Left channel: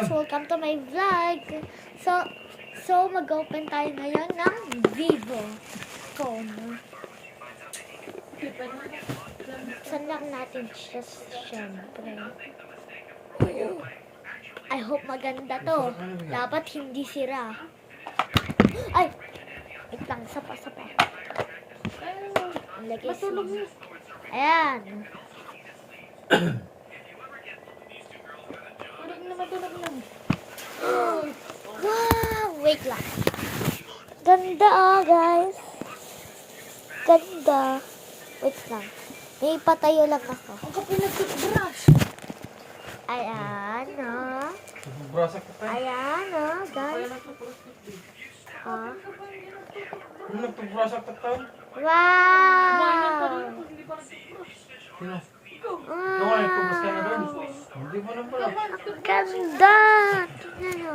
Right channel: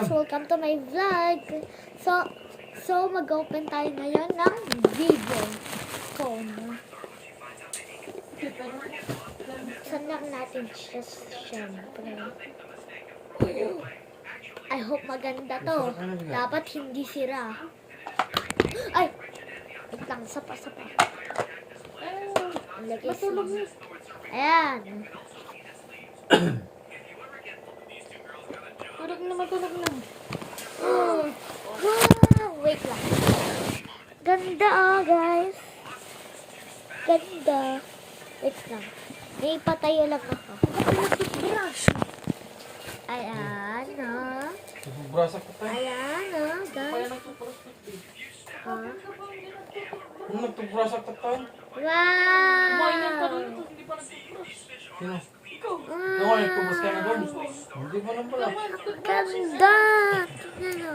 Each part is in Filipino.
guys, welcome to my vlog. So mag-open tayo ngayon ng Vivo phone. Saan lang natin siya syempre. I hope maganda to. Dapat hindi sira. Ay! Wait lang, sapa. Ang lagay siya. Ayan. Wow! Wait lang. Ganda guys. Ganda. Wait lang. May patayo lang ako. Ayan, Brasak ka tayo. Ayan, guys. Ano nagtubrasak ka tayo? Wow! Sino? Ano nga nagtubras ka na doon? Hindi mo lang pala. Ganda! Tingnan o.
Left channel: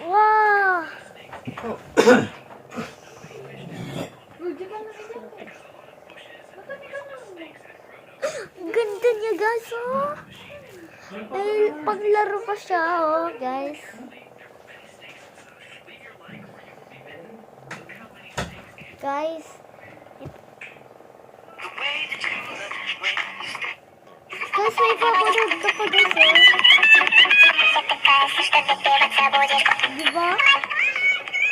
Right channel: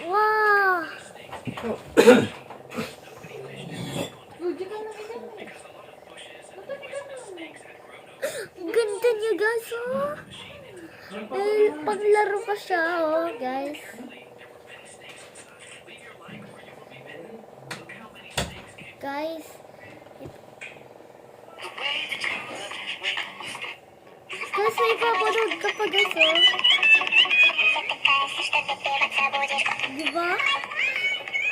Wow! Ganda niya guys, oh. May paglaro pa siya, oh, guys. Guys, may papanood ka pa guys, oh. Diba?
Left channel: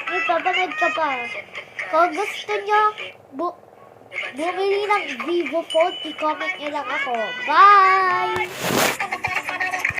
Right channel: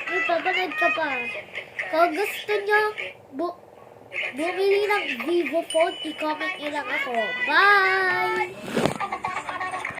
May papanood ka pa. Kung gusto nyo, bumili ng Vivo phone, i-comment nyo lang ako. Bye!